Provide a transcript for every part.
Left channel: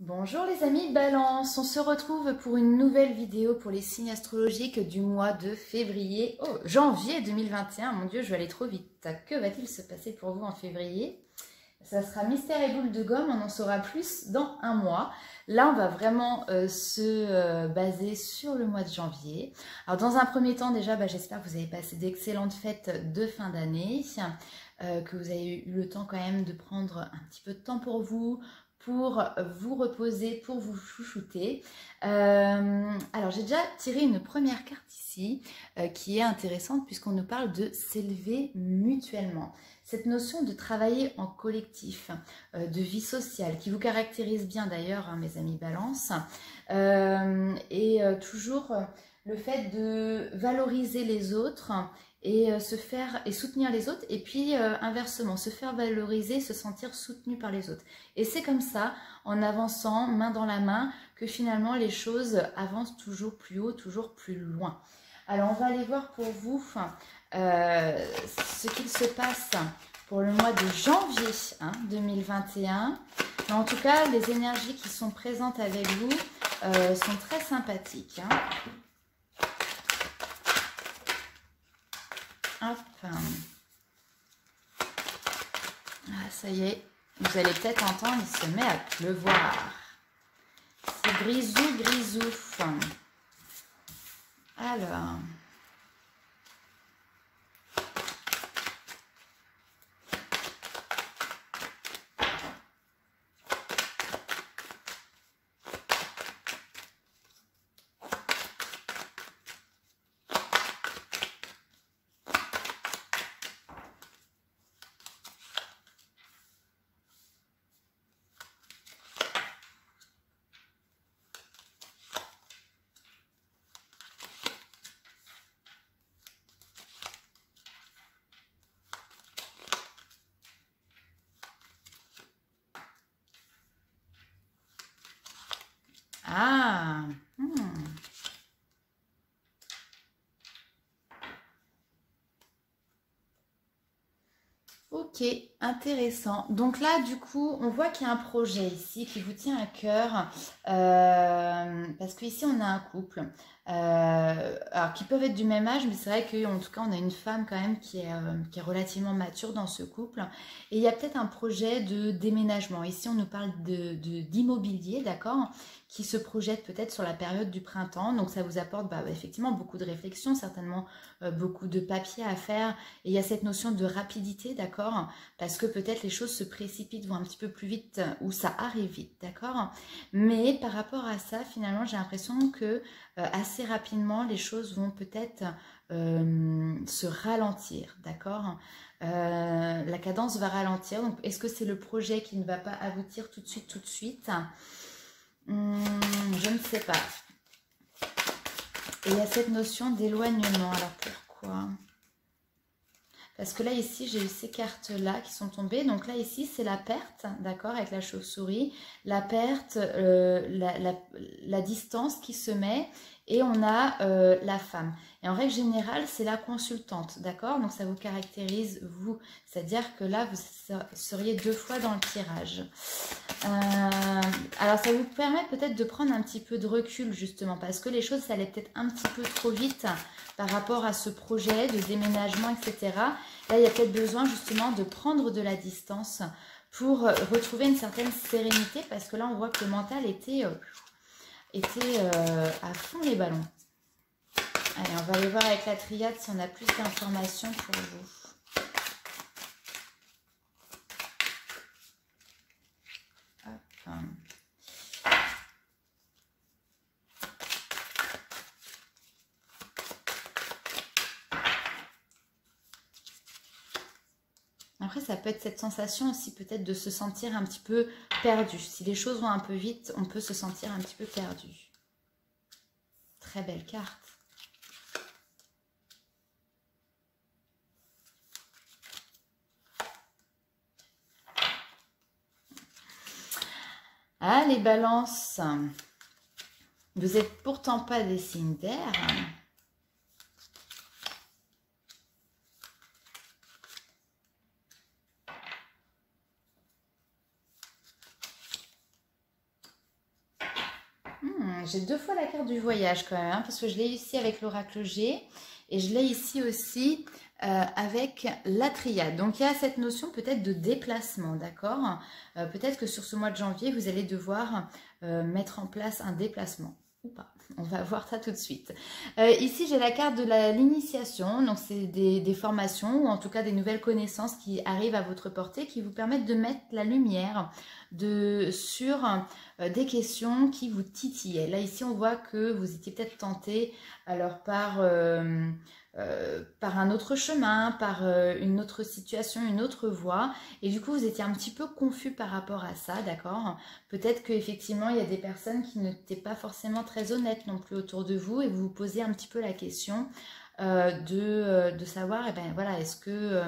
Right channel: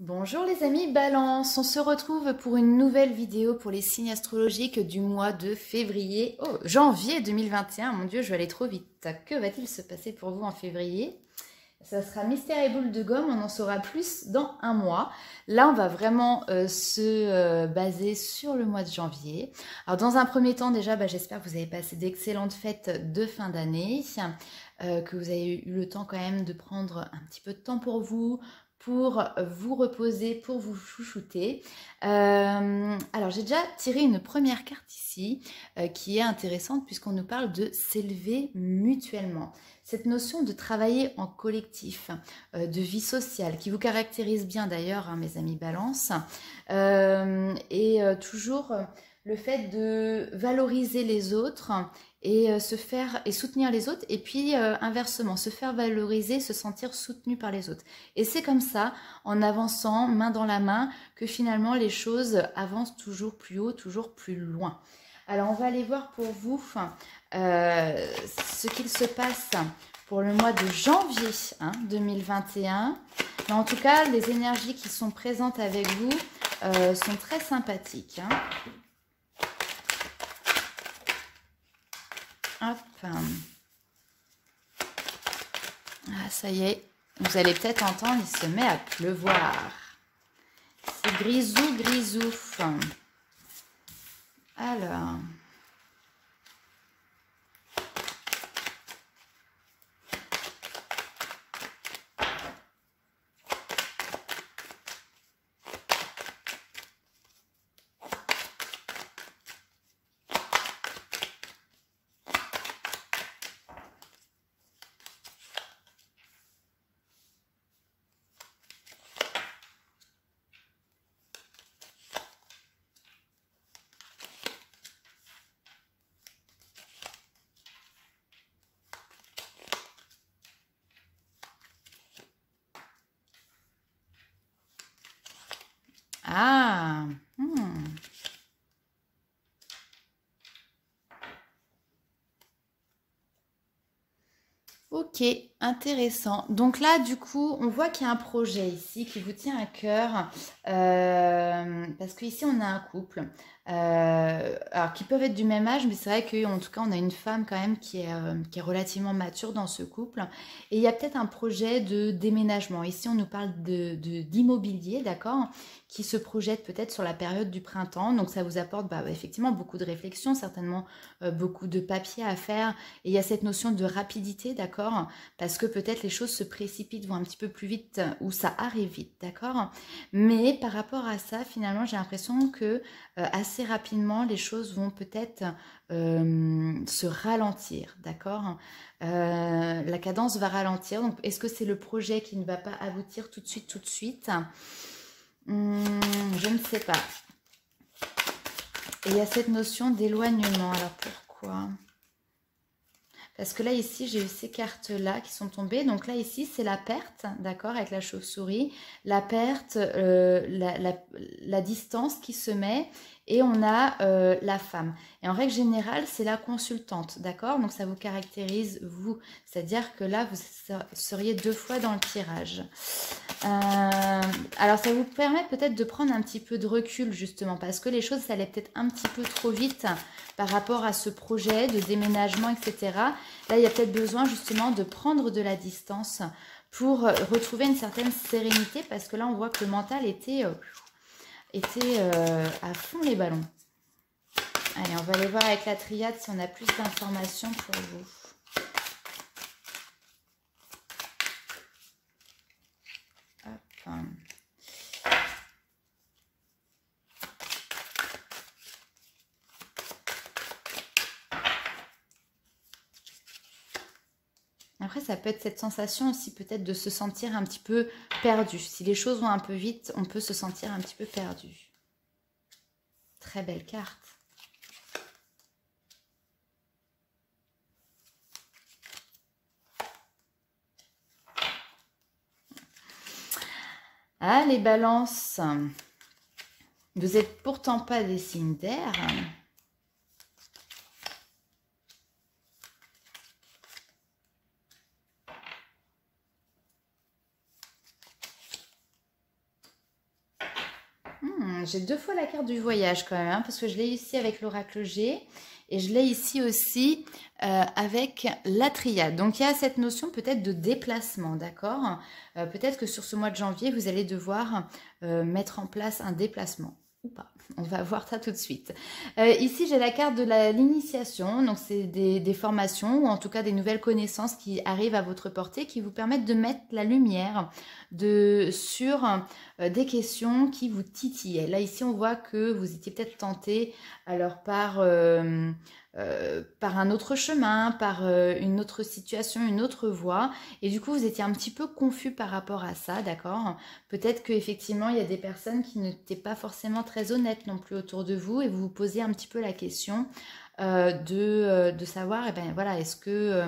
Bonjour les amis Balance, on se retrouve pour une nouvelle vidéo pour les signes astrologiques du mois de février, janvier 2021. Mon Dieu, je vais aller trop vite. Que va-t-il se passer pour vous en février? Ça sera mystère et boule de gomme, on en saura plus dans un mois. Là, on va vraiment se baser sur le mois de janvier. Alors, dans un premier temps, déjà, j'espère que vous avez passé d'excellentes fêtes de fin d'année, que vous avez eu le temps quand même de prendre un petit peu de temps pour vous reposer, pour vous chouchouter. Alors, j'ai déjà tiré une première carte ici qui est intéressante puisqu'on nous parle de s'élever mutuellement. Cette notion de travailler en collectif, de vie sociale, qui vous caractérise bien d'ailleurs, hein, mes amis Balance, et toujours le fait de valoriser les autres et se faire et soutenir les autres, et puis inversement, se faire valoriser, se sentir soutenu par les autres. Et c'est comme ça, en avançant main dans la main, que finalement les choses avancent toujours plus haut, toujours plus loin. Alors on va aller voir pour vous ce qu'il se passe pour le mois de janvier 2021. Mais en tout cas, les énergies qui sont présentes avec vous sont très sympathiques. Hop. Ah, ça y est, vous allez peut-être entendre, il se met à pleuvoir. C'est grisou, grisou. Alors... Ah, Ok, intéressant. Donc là, du coup, on voit qu'il y a un projet ici qui vous tient à cœur, parce qu'ici, on a un couple, alors qui peuvent être du même âge, mais c'est vrai qu'en tout cas, on a une femme quand même qui est relativement mature dans ce couple. Et il y a peut-être un projet de déménagement. Ici, on nous parle d'immobilier, d'accord, qui se projette peut-être sur la période du printemps. Donc ça vous apporte effectivement beaucoup de réflexion, certainement beaucoup de papier à faire. Et il y a cette notion de rapidité, d'accord, parce que peut-être les choses se précipitent, vont un petit peu plus vite ou ça arrive vite, d'accord. Mais par rapport à ça, finalement, j'ai l'impression que assez rapidement, les choses vont peut-être se ralentir, d'accord. La cadence va ralentir. Donc, est-ce que c'est le projet qui ne va pas aboutir tout de suite, tout de suite? Je ne sais pas. Et il y a cette notion d'éloignement. Alors pourquoi? Parce que là, ici, j'ai eu ces cartes-là qui sont tombées. Donc là, ici, c'est la perte, d'accord, avec la chauve-souris. La perte, la distance qui se met. Et on a la femme. Et en règle générale, c'est la consultante, d'accord. Donc ça vous caractérise, vous. C'est-à-dire que là, vous seriez deux fois dans le tirage. Alors ça vous permet peut-être de prendre un petit peu de recul, justement. Parce que les choses, ça allait peut-être un petit peu trop vite par rapport à ce projet de déménagement, etc. Là, il y a peut-être besoin justement de prendre de la distance pour retrouver une certaine sérénité, parce que là, on voit que le mental était à fond les ballons. Allez, on va aller voir avec la triade si on a plus d'informations pour vous. Hop. Après, ça peut être cette sensation aussi peut-être de se sentir un petit peu perdu. Si les choses vont un peu vite, on peut se sentir un petit peu perdu. Très belle carte. Ah, les balances. Vous n'êtes pourtant pas des signes d'air. J'ai 2 fois la carte du voyage quand même, hein, parce que je l'ai ici avec l'oracle G et je l'ai ici aussi avec la triade. Donc il y a cette notion peut-être de déplacement, d'accord. Peut-être que sur ce mois de janvier, vous allez devoir mettre en place un déplacement ou pas. On va voir ça tout de suite. Ici, j'ai la carte de l'initiation. Donc, c'est des formations ou en tout cas des nouvelles connaissances qui arrivent à votre portée qui vous permettent de mettre la lumière sur des questions qui vous titillaient. Là, ici, on voit que vous étiez peut-être tenté alors par un autre chemin, par une autre situation, une autre voie. Et du coup, vous étiez un petit peu confus par rapport à ça, d'accord? Peut-être qu'effectivement, il y a des personnes qui n'étaient pas forcément très honnêtes non plus autour de vous et vous vous posez un petit peu la question de savoir, eh ben, voilà, est-ce que...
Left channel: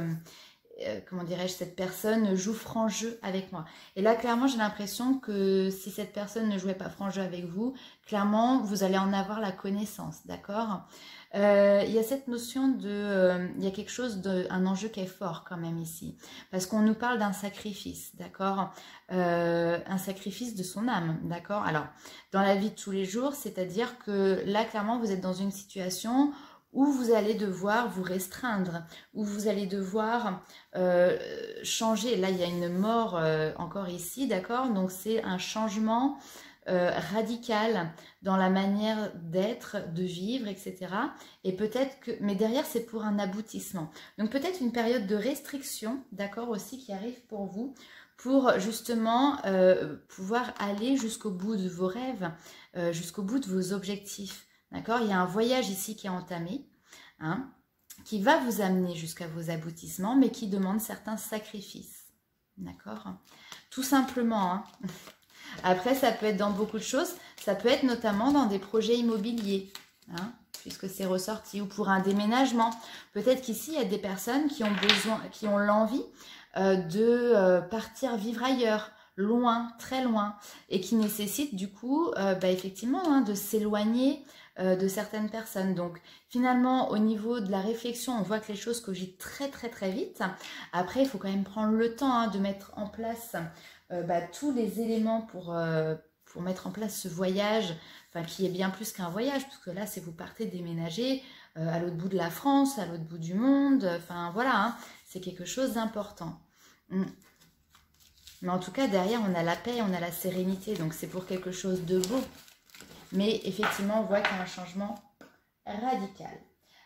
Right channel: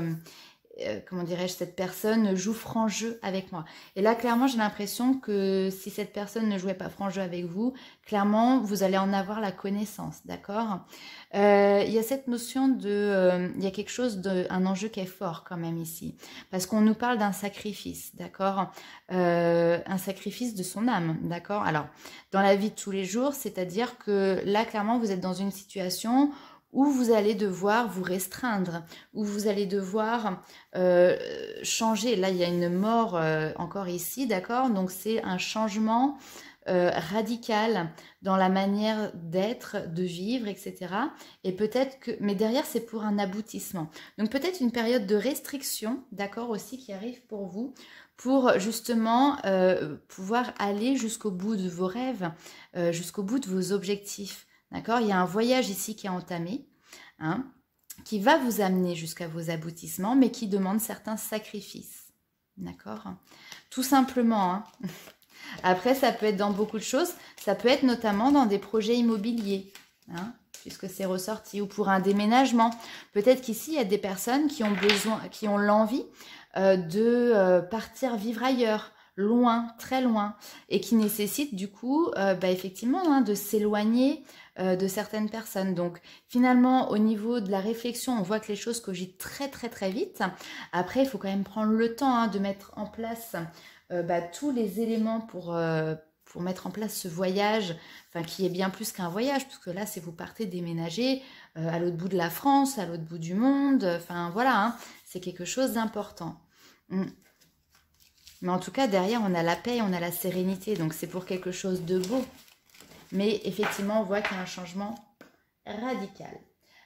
comment dirais-je, cette personne joue franc jeu avec moi. Et là, clairement, j'ai l'impression que si cette personne ne jouait pas franc jeu avec vous, clairement, vous allez en avoir la connaissance, d'accord. Il y a cette notion il y a quelque chose, un enjeu qui est fort quand même ici, parce qu'on nous parle d'un sacrifice, d'accord, un sacrifice de son âme, d'accord. Alors, dans la vie de tous les jours, c'est-à-dire que là, clairement, vous êtes dans une situation où vous allez devoir vous restreindre, où vous allez devoir changer. Là, il y a une mort encore ici, d'accord? Donc, c'est un changement radical dans la manière d'être, de vivre, etc. Et peut-être que... Mais derrière, c'est pour un aboutissement. Donc, peut-être une période de restriction, d'accord, aussi, qui arrive pour vous, pour justement pouvoir aller jusqu'au bout de vos rêves, jusqu'au bout de vos objectifs. D'accord? Il y a un voyage ici qui est entamé, hein, qui va vous amener jusqu'à vos aboutissements, mais qui demande certains sacrifices. D'accord? Tout simplement. Hein. Après, ça peut être dans beaucoup de choses. Ça peut être notamment dans des projets immobiliers, hein, puisque c'est ressorti, ou pour un déménagement. Peut-être qu'ici, il y a des personnes qui ont besoin, qui ont l'envie de partir vivre ailleurs, loin, très loin, et qui nécessitent du coup, effectivement, hein, de s'éloigner de certaines personnes. Donc finalement, au niveau de la réflexion, on voit que les choses cogitent très très très vite. Après, il faut quand même prendre le temps, hein, de mettre en place tous les éléments pour mettre en place ce voyage, enfin qui est bien plus qu'un voyage, parce que là, c'est vous partez déménager à l'autre bout de la France, à l'autre bout du monde, enfin voilà, hein, c'est quelque chose d'important. Mais en tout cas, derrière, on a la paix, on a la sérénité, donc c'est pour quelque chose de beau. Mais effectivement, on voit qu'il y a un changement radical.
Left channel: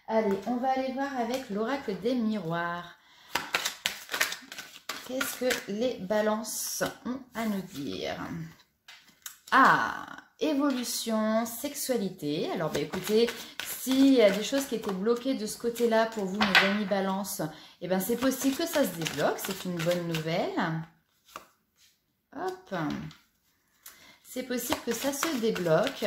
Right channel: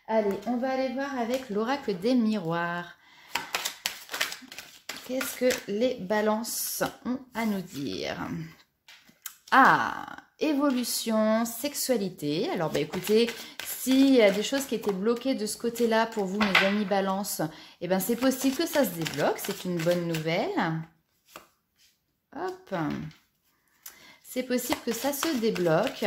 Allez, on va aller voir avec l'oracle des miroirs. Qu'est-ce que les balances ont à nous dire? Ah, évolution, sexualité. Alors, écoutez, s'il y a des choses qui étaient bloquées de ce côté-là pour vous, mes amis balance, eh ben, c'est possible que ça se débloque. C'est une bonne nouvelle. Hop. C'est possible que ça se débloque.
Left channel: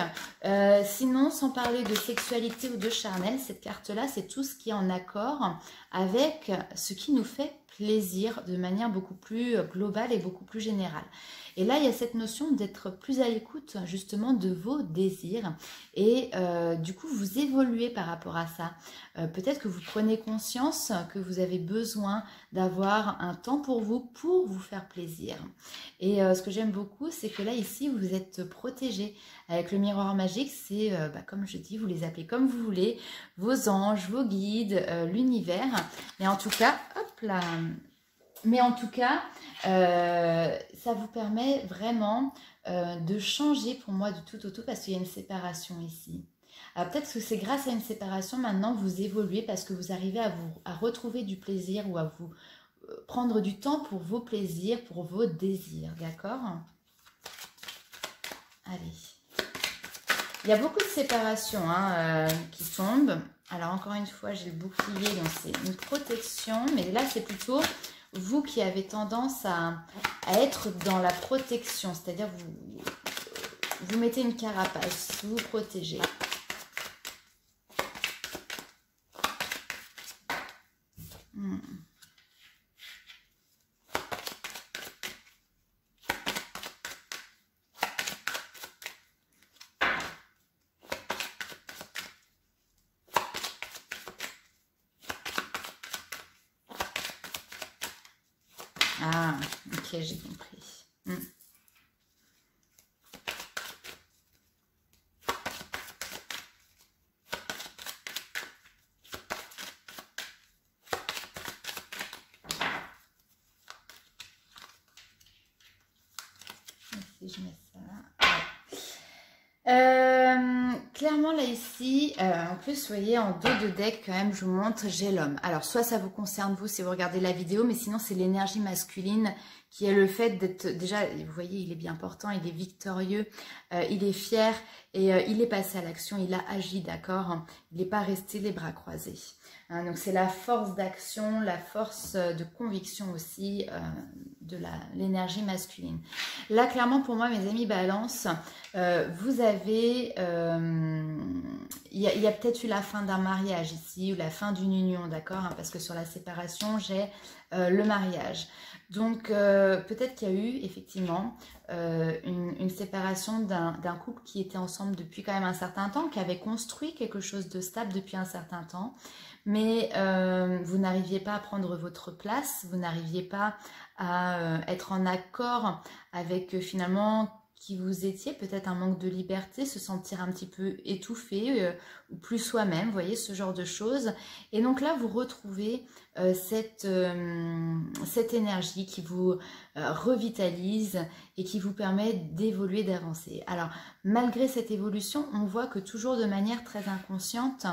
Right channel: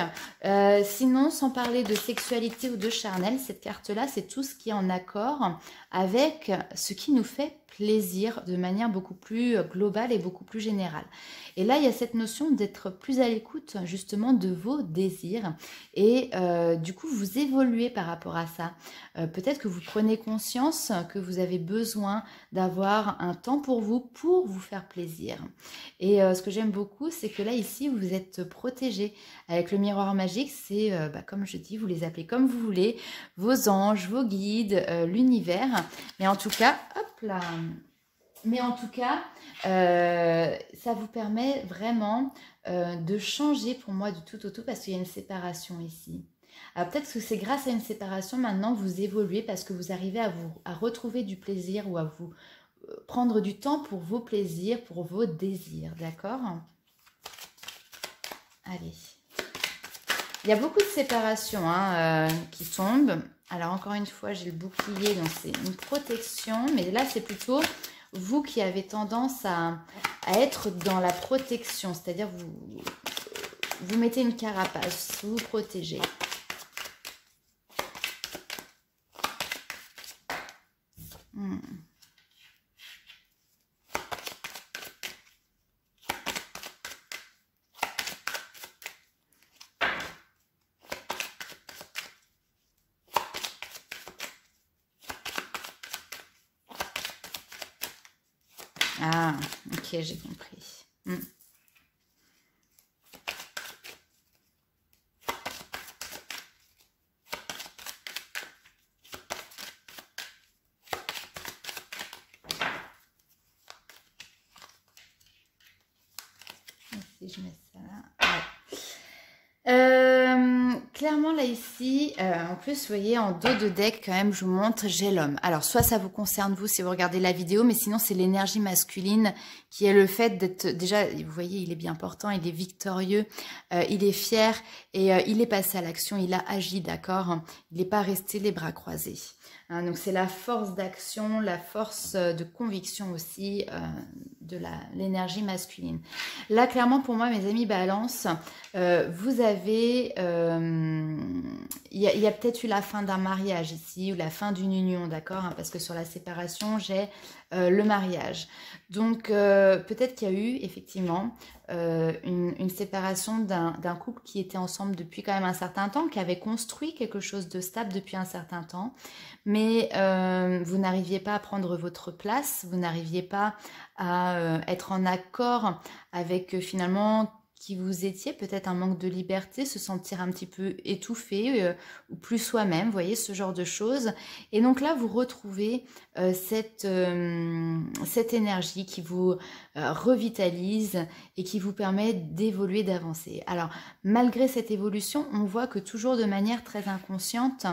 Sinon, sans parler de sexualité ou de charnel, cette carte-là, c'est tout ce qui est en accord avec ce qui nous fait plaisir de manière beaucoup plus globale et beaucoup plus générale. Et là, il y a cette notion d'être plus à l'écoute justement de vos désirs et du coup, vous évoluez par rapport à ça. Peut-être que vous prenez conscience que vous avez besoin d'avoir un temps pour vous faire plaisir. Et ce que j'aime beaucoup, c'est que là, ici, vous êtes protégé. Avec le miroir magique, c'est, comme je dis, vous les appelez comme vous voulez, vos anges, vos guides, l'univers. Mais en tout cas, hop là. Mais en tout cas, ça vous permet vraiment de changer pour moi du tout au tout parce qu'il y a une séparation ici. Alors peut-être que c'est grâce à une séparation, maintenant, vous évoluez parce que vous arrivez à retrouver du plaisir ou à vous prendre du temps pour vos plaisirs, pour vos désirs, d'accord? Allez. Il y a beaucoup de séparations qui tombent. Alors encore une fois, j'ai le bouclier, donc c'est une protection. Mais là, c'est plutôt vous qui avez tendance à être dans la protection. C'est-à-dire vous mettez une carapace, vous vous protégez. Ah, ok, j'ai compris. si je mets ça là. Ouais. Clairement là ici, en plus vous voyez en dos de deck quand même je vous montre j'ai l'homme. Alors soit ça vous concerne vous si vous regardez la vidéo, mais sinon c'est l'énergie masculine qui est le fait d'être déjà, vous voyez il est bien portant, il est victorieux, il est fier et il est passé à l'action, il a agi, d'accord, il n'est pas resté les bras croisés. Hein, donc c'est la force d'action, la force de conviction aussi de l'énergie masculine. Là clairement pour moi mes amis Balance, vous avez, il y a peut-être eu la fin d'un mariage ici ou la fin d'une union, d'accord, hein, parce que sur la séparation j'ai le mariage. Donc peut-être qu'il y a eu effectivement une séparation d'un couple qui était ensemble depuis quand même un certain temps, qui avait construit quelque chose de stable depuis un certain temps, mais vous n'arriviez pas à prendre votre place, vous n'arriviez pas à être en accord avec finalement qui vous étiez, peut-être un manque de liberté, se sentir un petit peu étouffé ou plus soi-même, vous voyez, ce genre de choses. Et donc là, vous retrouvez cette énergie qui vous revitalise et qui vous permet d'évoluer, d'avancer. Alors, malgré cette évolution, on voit que toujours de manière très inconsciente,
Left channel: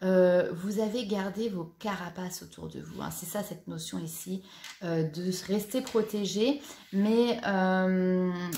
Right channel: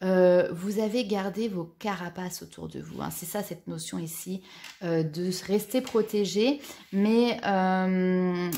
vous avez gardé vos carapaces autour de vous. Hein. C'est ça, cette notion ici, de rester protégé, mais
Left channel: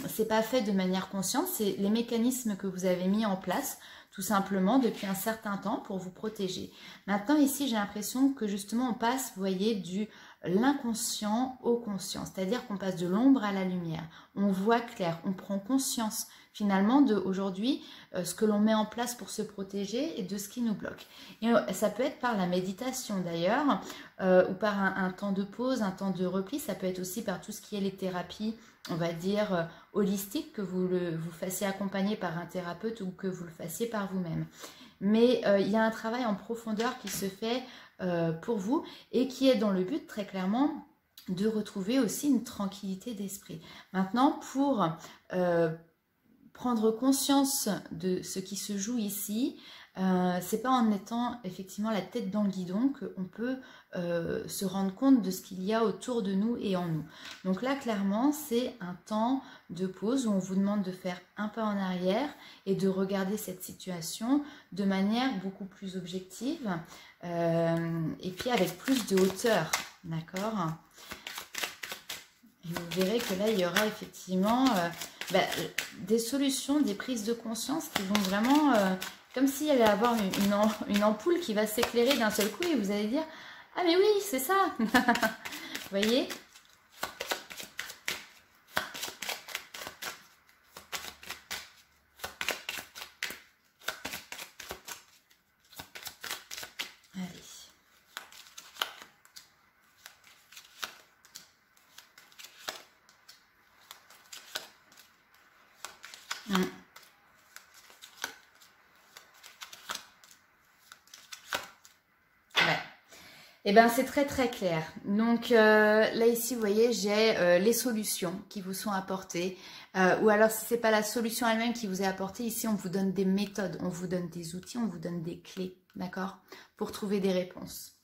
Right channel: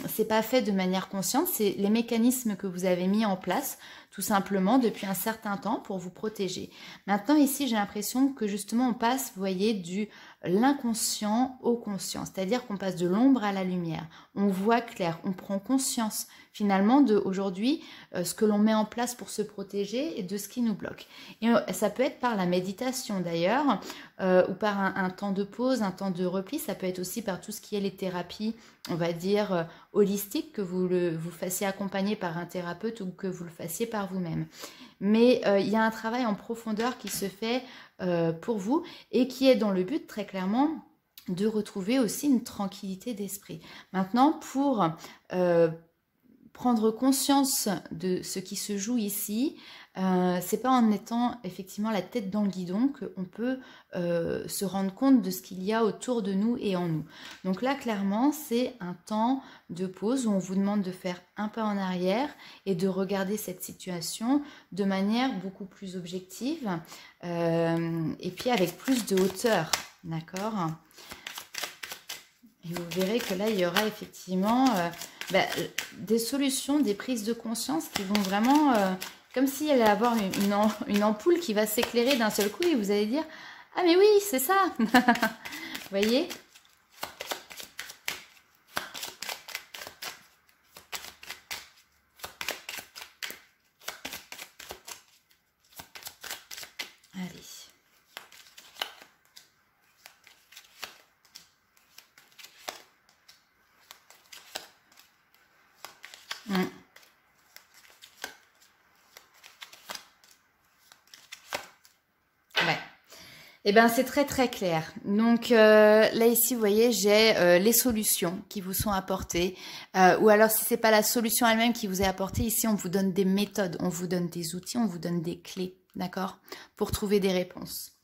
c'est pas fait de manière consciente, c'est les mécanismes que vous avez mis en place tout simplement depuis un certain temps pour vous protéger. Maintenant ici j'ai l'impression que justement on passe, vous voyez, du l'inconscient au conscient, c'est-à-dire qu'on passe de l'ombre à la lumière, on voit clair, on prend conscience finalement de aujourd'hui ce que l'on met en place pour se protéger et de ce qui nous bloque. Et ça peut être par la méditation d'ailleurs, ou par un temps de pause, un temps de repli, ça peut être aussi par tout ce qui est les thérapies, on va dire holistiques, que vous fassiez accompagner par un thérapeute ou que vous le fassiez par vous-même. Mais il y a un travail en profondeur qui se fait pour vous et qui est dans le but très clairement de retrouver aussi une tranquillité d'esprit. Maintenant, pour prendre conscience de ce qui se joue ici, c'est pas en étant effectivement la tête dans le guidon qu'on peut se rendre compte de ce qu'il y a autour de nous et en nous. Donc là, clairement, c'est un temps de pause où on vous demande de faire un pas en arrière et de regarder cette situation de manière beaucoup plus objective et puis avec plus de hauteur, d'accord ? Et vous verrez que là, il y aura effectivement des solutions, des prises de conscience qui vont vraiment, comme si elle allait avoir une ampoule qui va s'éclairer d'un seul coup et vous allez dire « Ah mais oui, c'est ça !» Vous voyez ? Allez. Ouais. Eh bien, c'est très très clair. Donc là ici, vous voyez, j'ai les solutions qui vous sont apportées. Ou alors, si ce n'est pas la solution elle-même qui vous est apportée, ici, on vous donne des méthodes, on vous donne des outils, on vous donne des clés, d'accord, pour trouver des réponses.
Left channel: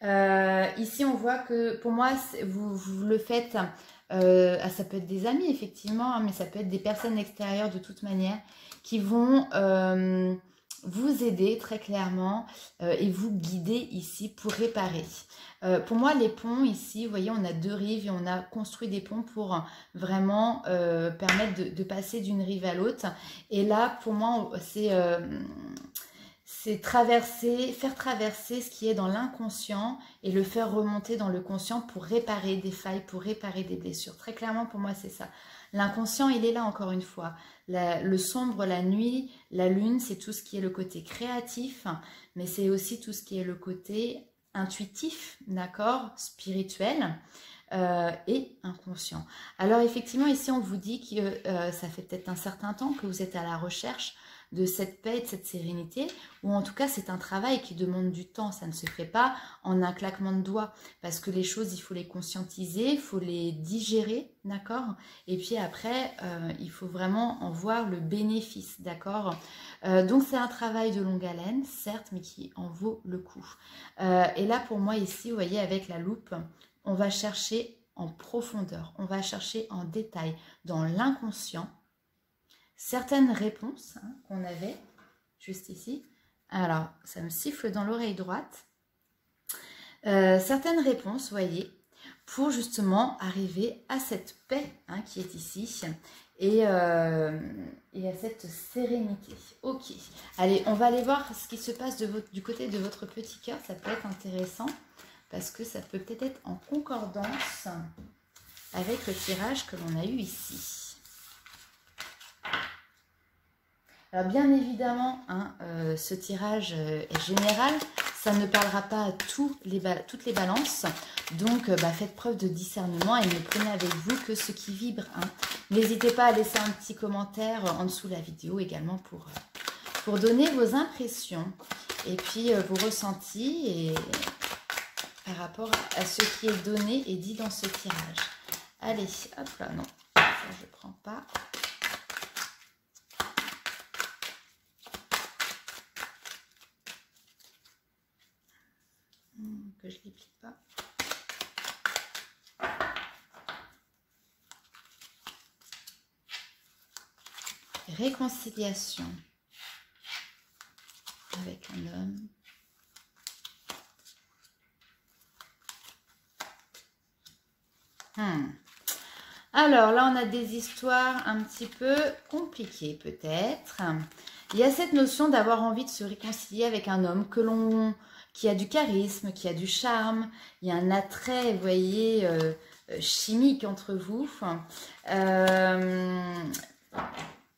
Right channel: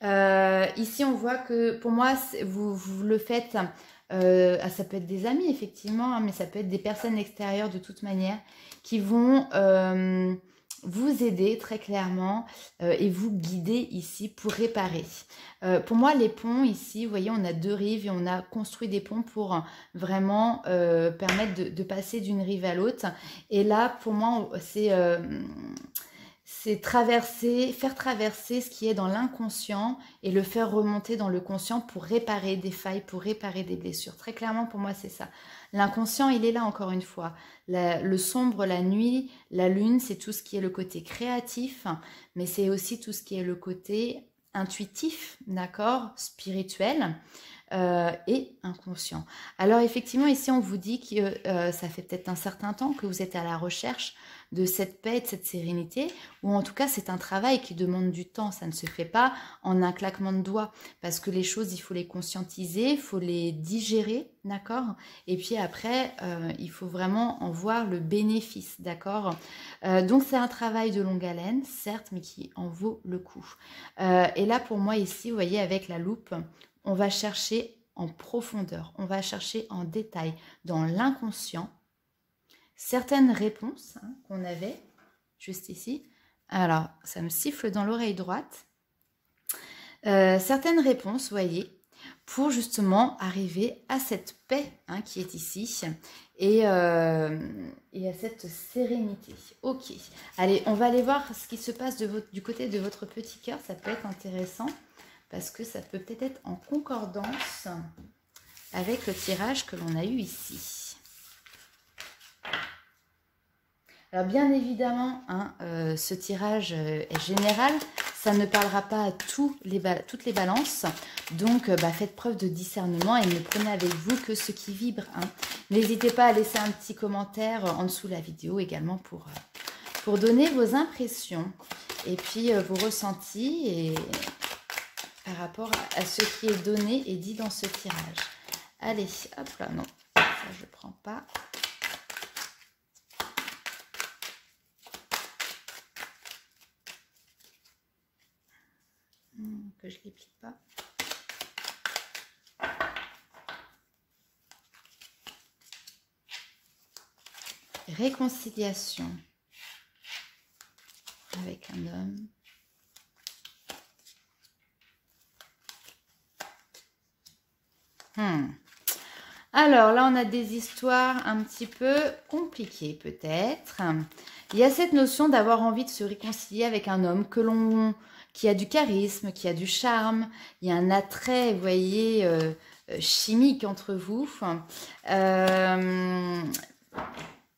Ici, on voit que pour moi, vous le faites, ça peut être des amis, effectivement, hein, mais ça peut être des personnes extérieures de toute manière qui vont vous aider très clairement et vous guider ici pour réparer. Pour moi, les ponts ici, vous voyez, on a deux rives et on a construit des ponts pour vraiment permettre de passer d'une rive à l'autre. Et là, pour moi, c'est faire traverser ce qui est dans l'inconscient et le faire remonter dans le conscient pour réparer des failles, pour réparer des blessures. Très clairement, pour moi, c'est ça. L'inconscient, il est là encore une fois. Le sombre, la nuit, la lune, c'est tout ce qui est le côté créatif, mais c'est aussi tout ce qui est le côté intuitif, d'accord, spirituel et inconscient. Alors effectivement, ici, on vous dit que ça fait peut-être un certain temps que vous êtes à la recherche de cette paix, de cette sérénité, ou en tout cas c'est un travail qui demande du temps, ça ne se fait pas en un claquement de doigts, parce que les choses il faut les conscientiser, il faut les digérer, d'accord, et puis après il faut vraiment en voir le bénéfice, d'accord, donc c'est un travail de longue haleine, certes, mais qui en vaut le coup. Et là pour moi ici, vous voyez, avec la loupe, on va chercher en profondeur, on va chercher en détail dans l'inconscient, certaines réponses qu'on avait juste ici. Alors, ça me siffle dans l'oreille droite. Certaines réponses, vous voyez, pour justement arriver à cette paix qui est ici et à cette sérénité. Ok, allez, on va aller voir ce qui se passe du côté de votre petit cœur. Ça peut être intéressant parce que ça peut peut-être être en concordance avec le tirage que l'on a eu ici. Alors bien évidemment, ce tirage est général, ça ne parlera pas à toutes les balances, donc faites preuve de discernement et ne prenez avec vous que ce qui vibre. N'hésitez pas à laisser un petit commentaire en dessous de la vidéo également pour donner vos impressions et puis vos ressentis et par rapport à ce qui est donné et dit dans ce tirage. Allez, hop là, non, ça je ne prends pas. Que je ne les plie pas. Réconciliation avec un homme. Alors là, on a des histoires un petit peu compliquées peut-être. Il y a cette notion d'avoir envie de se réconcilier avec un homme qui a du charisme, qui a du charme. Il y a un attrait, vous voyez, chimique entre vous.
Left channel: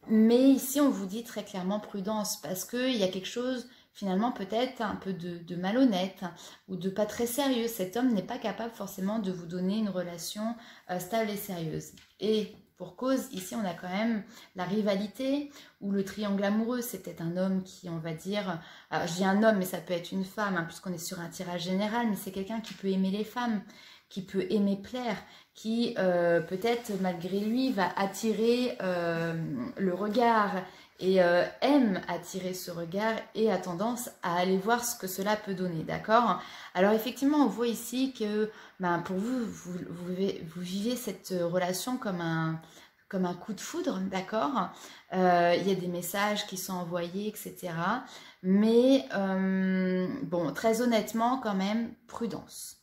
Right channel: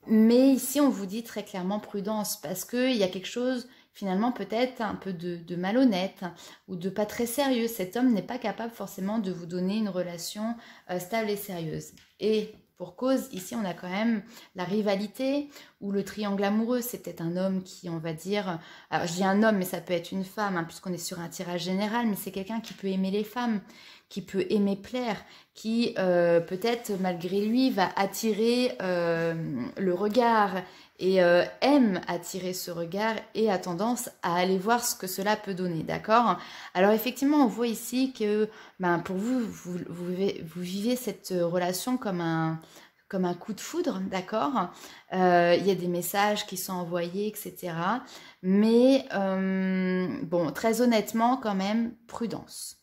Mais ici, on vous dit très clairement prudence parce qu'il y a quelque chose, finalement, peut-être un peu de malhonnête ou de pas très sérieux. Cet homme n'est pas capable forcément de vous donner une relation stable et sérieuse. Et pour cause, ici, on a quand même la rivalité ou le triangle amoureux. C'est peut-être un homme qui, on va dire... Alors, je dis un homme, mais ça peut être une femme, puisqu'on est sur un tirage général, mais c'est quelqu'un qui peut aimer les femmes, qui peut aimer plaire, qui, peut-être, malgré lui, va attirer le regard et aime attirer ce regard et a tendance à aller voir ce que cela peut donner, d'accord? Alors, effectivement, on voit ici que pour vous, vous vivez cette relation comme un coup de foudre, d'accord? Il y a des messages qui sont envoyés, etc. Mais, bon, très honnêtement, quand même, prudence.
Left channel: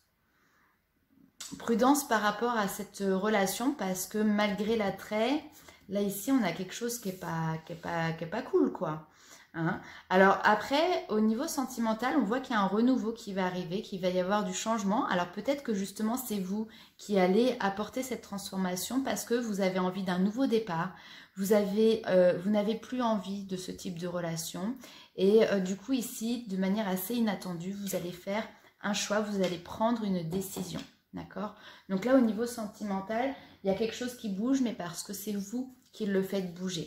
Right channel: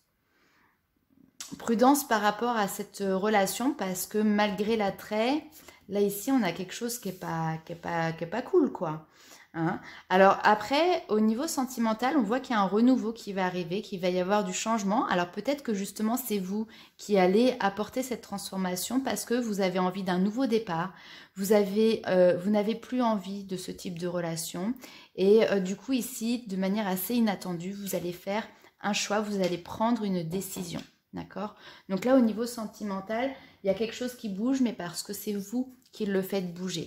Prudence par rapport à cette relation parce que malgré l'attrait, là ici, on a quelque chose qui est pas cool, quoi. Alors après, au niveau sentimental, on voit qu'il y a un renouveau qui va arriver, qu'il va y avoir du changement. Alors peut-être que justement, c'est vous qui allez apporter cette transformation parce que vous avez envie d'un nouveau départ. Vous n'avez plus envie de ce type de relation. Et du coup, ici, de manière assez inattendue, vous allez faire un choix, vous allez prendre une décision. D'accord? Donc là, au niveau sentimental, il y a quelque chose qui bouge, mais parce que c'est vous qui le faites bouger.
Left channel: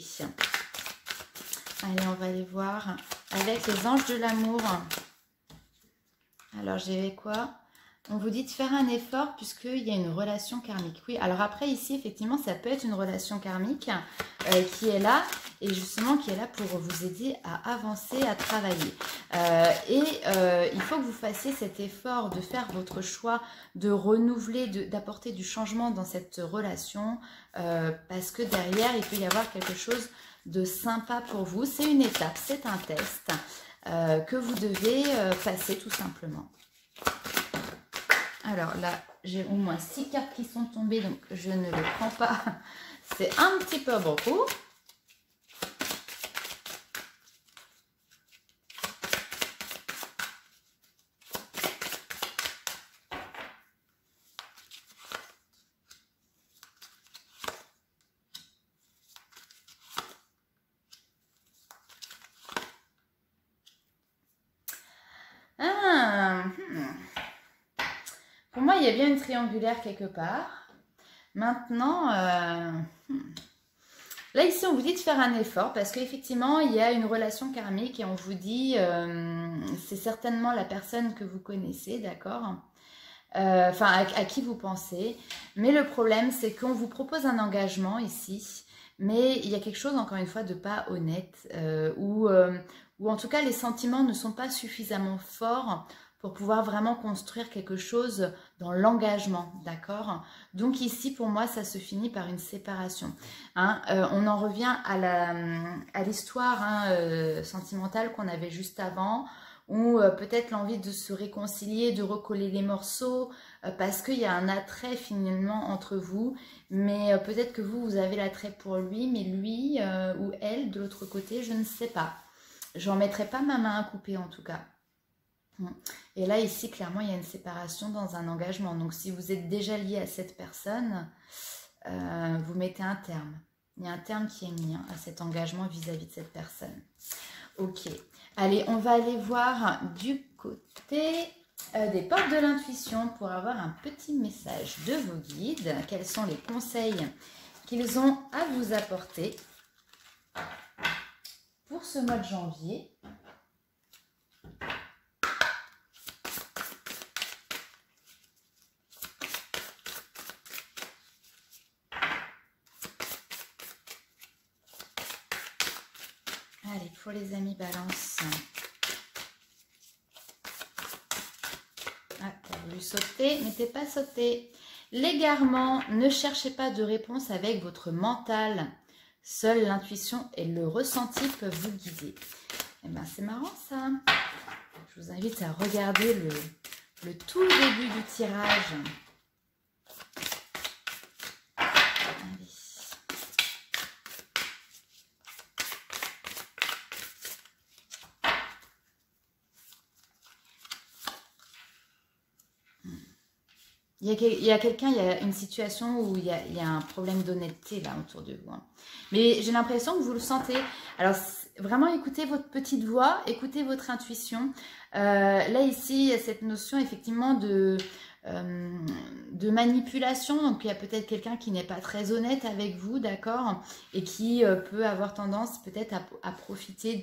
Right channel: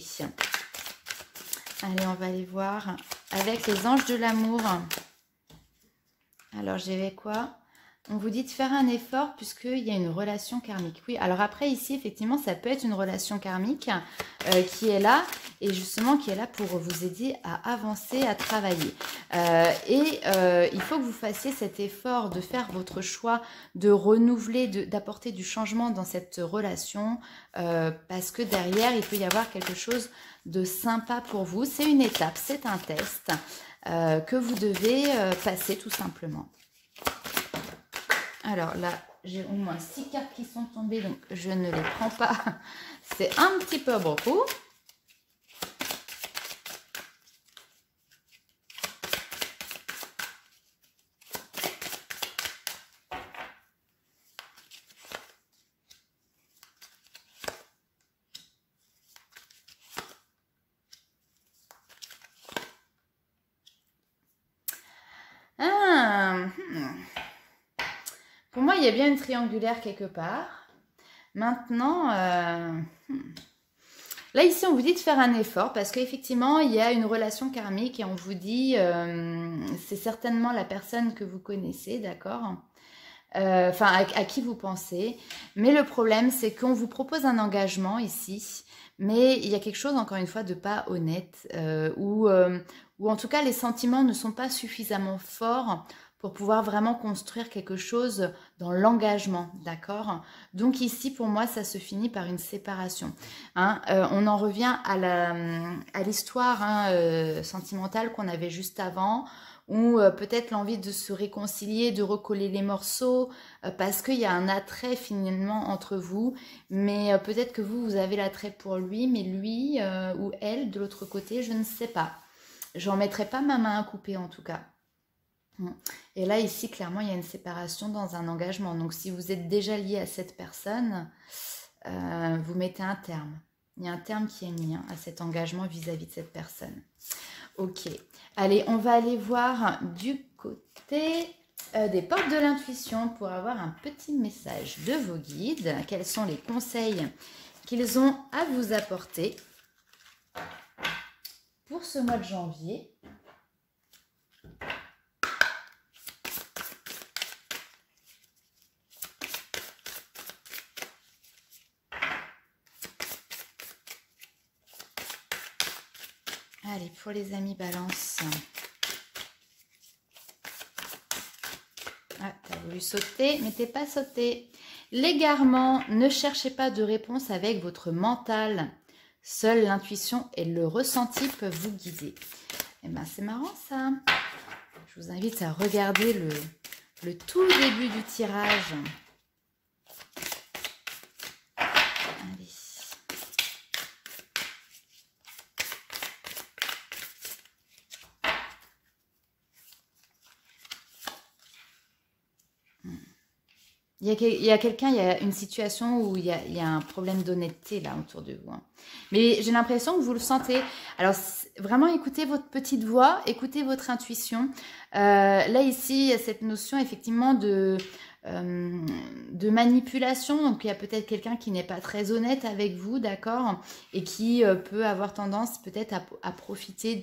Allez, on va aller voir avec les anges de l'amour. Alors, j'ai quoi? On vous dit de faire un effort puisqu'il y a une relation karmique. Oui, alors après, ici, effectivement, ça peut être une relation karmique qui est là et justement qui est là pour vous aider à avancer, à travailler. Il faut que vous fassiez cet effort de faire votre choix, de renouveler, d'apporter du changement dans cette relation parce que derrière, il peut y avoir quelque chose de sympa pour vous. C'est une étape, c'est un test que vous devez passer tout simplement. Alors là, j'ai au moins 6 cartes qui sont tombées, donc je ne les prends pas. C'est un petit peu beaucoup. Pour moi, il y a bien une triangulaire quelque part. Maintenant, là, ici, on vous dit de faire un effort parce qu'effectivement, il y a une relation karmique et on vous dit, c'est certainement la personne que vous connaissez, d'accord? Enfin, à qui vous pensez. Mais le problème, c'est qu'on vous propose un engagement ici, mais il y a quelque chose, encore une fois, de pas honnête ou en tout cas, les sentiments ne sont pas suffisamment forts pour pouvoir vraiment construire quelque chose dans l'engagement, d'accord? Donc ici, pour moi, ça se finit par une séparation. Hein. On en revient à l'histoire sentimentale qu'on avait juste avant, ou peut-être l'envie de se réconcilier, de recoller les morceaux, parce qu'il y a un attrait finalement entre vous, mais peut-être que vous avez l'attrait pour lui, mais lui ou elle, de l'autre côté, je ne sais pas. J'en mettrai pas ma main à couper en tout cas. Et là, ici, clairement, il y a une séparation dans un engagement. Donc, si vous êtes déjà lié à cette personne, vous mettez un terme. Il y a un terme qui est mis à cet engagement vis-à-vis de cette personne. Ok. Allez, on va aller voir du côté des portes de l'intuition pour avoir un petit message de vos guides. Quels sont les conseils qu'ils ont à vous apporter pour ce mois de janvier? Allez, pour les amis Balance. Ah, t'as voulu sauter, mais t'es pas sauté. L'égarement, ne cherchez pas de réponse avec votre mental. Seule l'intuition et le ressenti peuvent vous guider. Et ben c'est marrant ça. Je vous invite à regarder le tout début du tirage. Allez. Il y a quelqu'un, il y a une situation où il y a un problème d'honnêteté là autour de vous. Hein. Mais j'ai l'impression que vous le sentez. Alors vraiment écoutez votre petite voix, écoutez votre intuition. Là ici, il y a cette notion effectivement de manipulation. Donc il y a peut-être quelqu'un qui n'est pas très honnête avec vous, d'accord? Et qui peut avoir tendance peut-être à profiter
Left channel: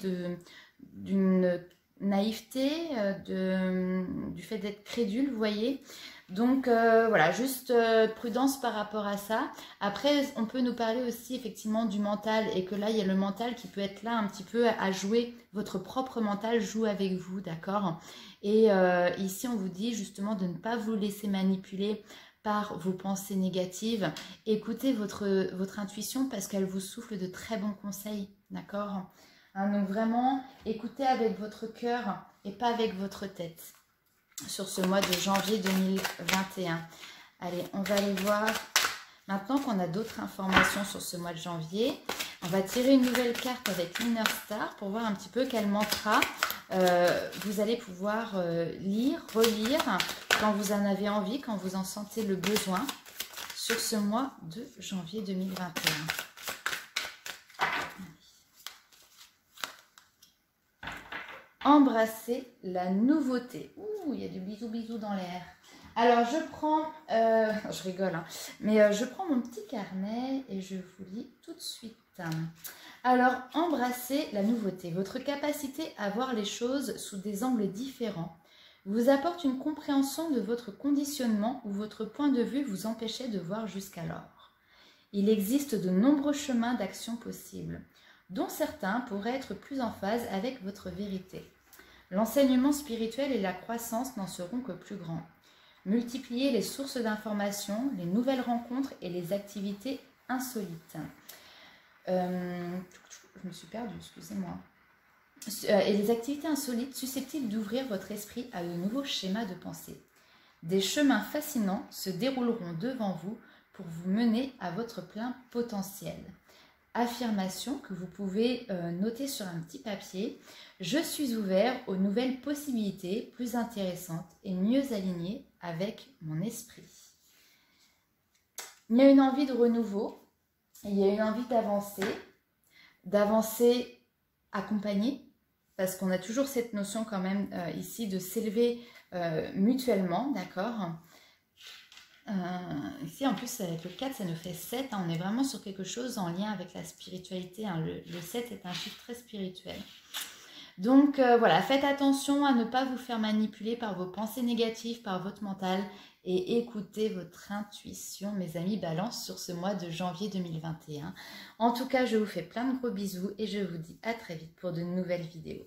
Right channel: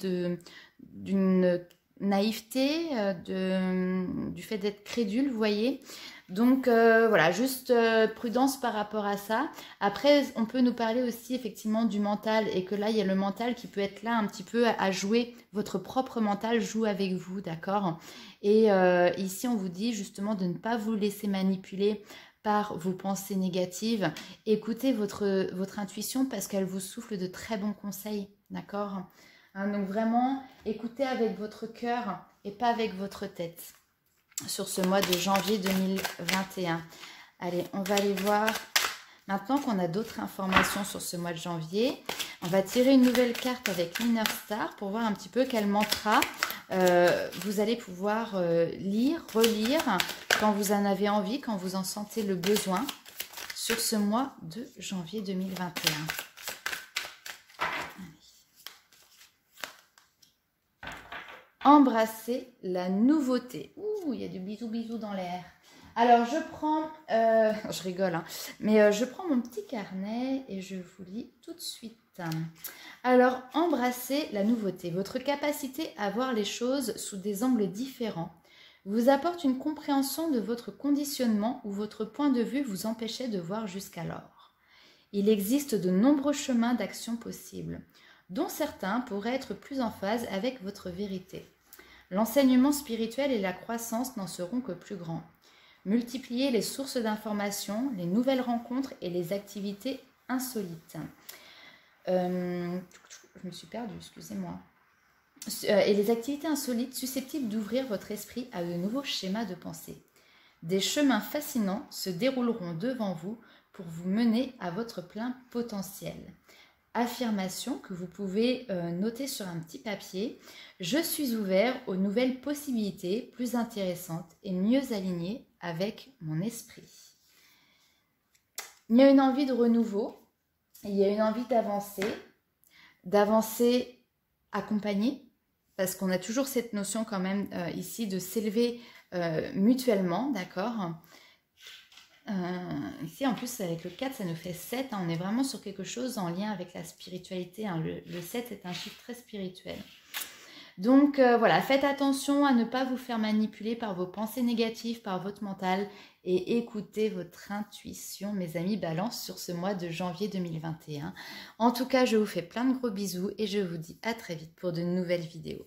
d'une naïveté, du fait d'être crédule, vous voyez. Donc voilà, juste prudence par rapport à ça. Après, on peut nous parler aussi effectivement du mental et que là, il y a le mental qui peut être là un petit peu à jouer. Votre propre mental joue avec vous, d'accord? Et ici, on vous dit justement de ne pas vous laisser manipuler par vos pensées négatives. Écoutez votre intuition parce qu'elle vous souffle de très bons conseils, d'accord? Hein, donc vraiment, écoutez avec votre cœur et pas avec votre tête sur ce mois de janvier 2021. Allez, on va aller voir, maintenant qu'on a d'autres informations sur ce mois de janvier, on va tirer une nouvelle carte avec l'Inner Star pour voir un petit peu quel mantra vous allez pouvoir lire, relire, quand vous en avez envie, quand vous en sentez le besoin, sur ce mois de janvier 2021. Embrasser la nouveauté. Ouh, il y a du bisou dans l'air. Alors, je prends, je rigole, hein, mais je prends mon petit carnet et je vous lis tout de suite. Alors, embrasser la nouveauté. Votre capacité à voir les choses sous des angles différents vous apporte une compréhension de votre conditionnement où votre point de vue vous empêchait de voir jusqu'alors. Il existe de nombreux chemins d'action possibles, dont certains pourraient être plus en phase avec votre vérité. L'enseignement spirituel et la croissance n'en seront que plus grands. Multipliez les sources d'informations, les nouvelles rencontres et les activités insolites. Je me suis perdue, excusez-moi. Et les activités insolites susceptibles d'ouvrir votre esprit à de nouveaux schémas de pensée. Des chemins fascinants se dérouleront devant vous pour vous mener à votre plein potentiel. Affirmation que vous pouvez noter sur un petit papier. Je suis ouvert aux nouvelles possibilités plus intéressantes et mieux alignées avec mon esprit. Il y a une envie de renouveau, il y a une envie d'avancer accompagné, parce qu'on a toujours cette notion quand même ici de s'élever mutuellement, d'accord ? Ici en plus avec le 4 ça nous fait 7, hein, on est vraiment sur quelque chose en lien avec la spiritualité, hein, le 7 est un chiffre très spirituel. Donc voilà, faites attention à ne pas vous faire manipuler par vos pensées négatives, par votre mental et écoutez votre intuition, mes amis Balance, sur ce mois de janvier 2021. En tout cas, je vous fais plein de gros bisous et je vous dis à très vite pour de nouvelles vidéos.